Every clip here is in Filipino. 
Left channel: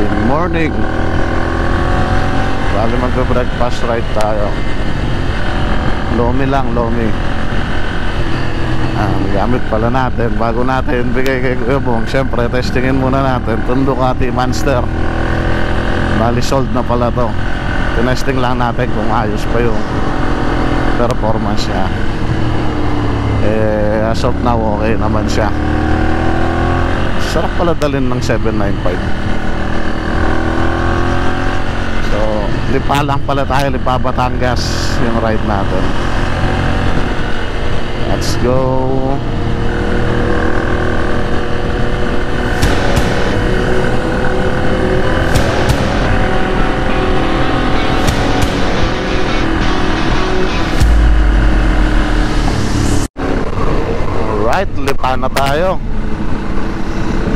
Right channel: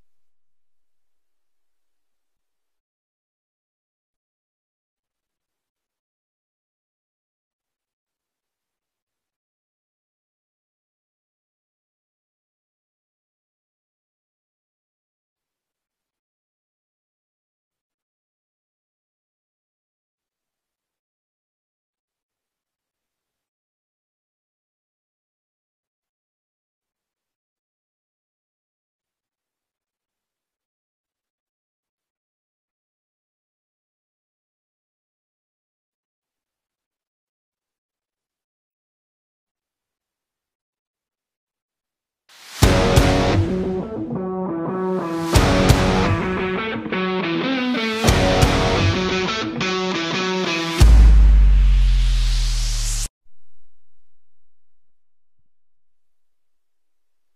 Good morning. Bali magbe-breakfast ride tayo. Lomi lang, Lomi. Ang gamit pala natin bago natin bigay kay Kuya Bong, syempre testingin muna natin itong Ducati Monster. Bali sold na pala to. Tinesting lang natin kung ayos pa yung performance niya. As of now okay naman siya. Sarap pala dalhin ng 795. Lipa lang pala tayo, Lipa Batangas yung ride natin. Let's go. Alright, lipa na tayo.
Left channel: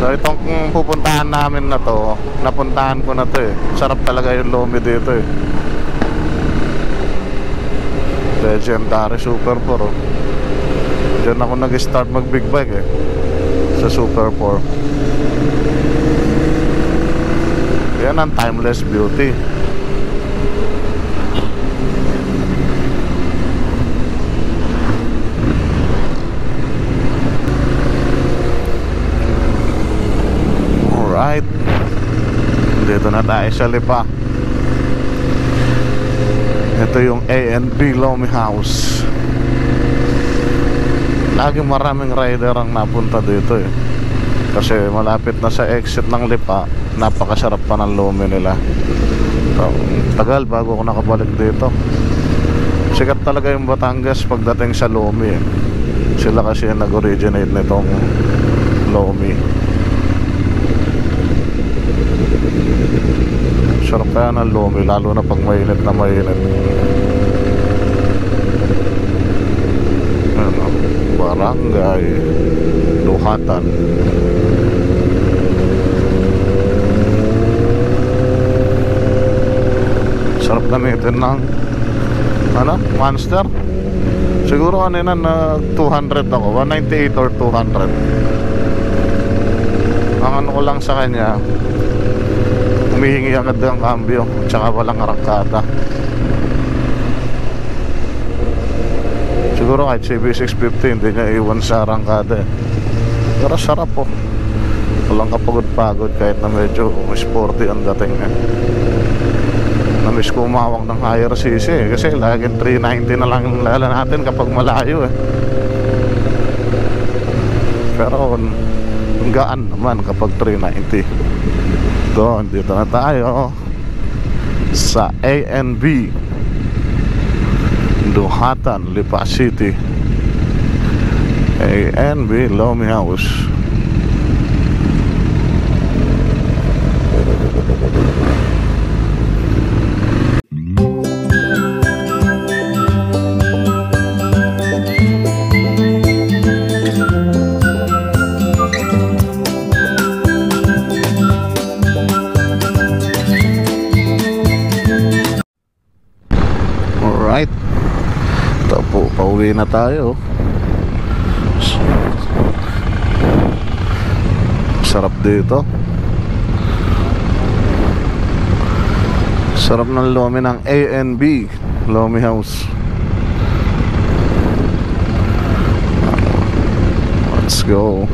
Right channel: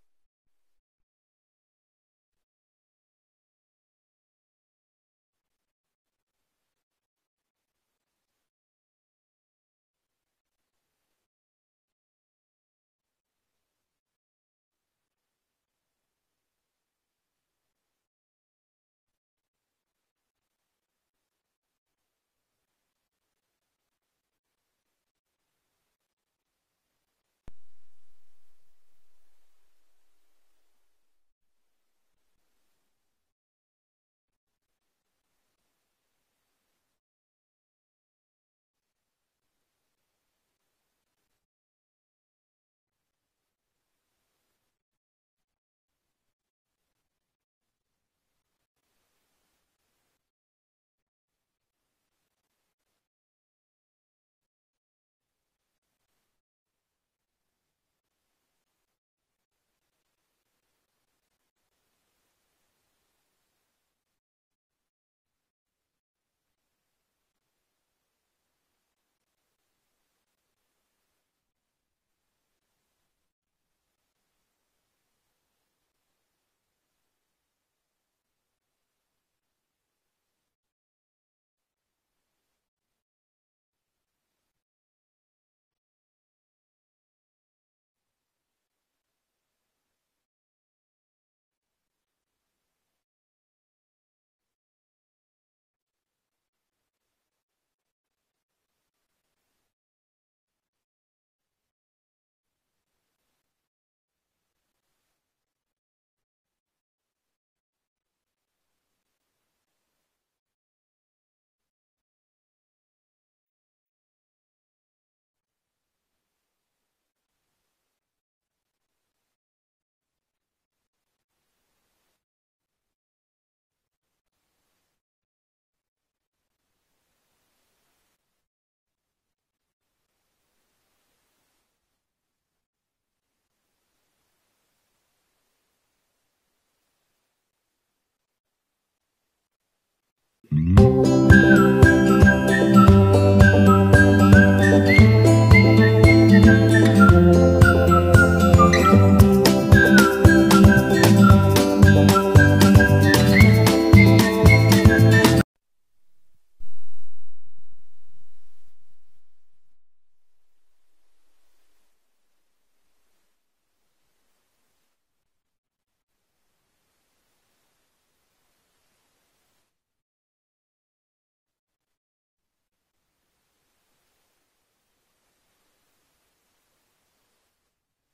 So itong pupuntahan namin na to, napuntahan ko na to eh. Sarap talaga yung Lomi dito eh. Legendary Super 4 oh. Diyan ako nag-start mag big bike eh, sa Super 4. Yan ang timeless beauty. Alright, dito na tayo sa Lipa. Ito yung A&B Lomi House. Laging maraming rider ang napunta dito eh, kasi malapit na sa exit ng Lipa. Napakasarap pa ng Lomi nila. So, tagal bago ako nakabalik dito. Sikat talaga yung Batangas pagdating sa Lomi eh. Sila kasi yung nag-originate nitong Lomi. Sarap kaya ng Lomi, lalo na pag mainit na mainit. Ano, Barangay Duhatan. Sarap gamitin ng ano, Monster. Siguro kanina na 200 ako, 198 or 200. Ang ano ko lang sa kanya, humihingi agad ng cambio, tsaka walang arangkada. Siguro kahit CB650 hindi niya iwan sa arangkada eh. Pero sarap po, walang kapagod-pagod kahit na medyo sporty ang dating eh. Namiss ko umawak ng higher cc eh, kasi laging 390 na lang lala natin kapag malayo eh. Pero gaan naman kapag 390. Doon, dito na tayo sa A&B Duhatan, Lipa City. A&B Lomi House. Pauwi na tayo. Sarap dito. Sarap ng Lomi ng A&B Lomi House. Let's go.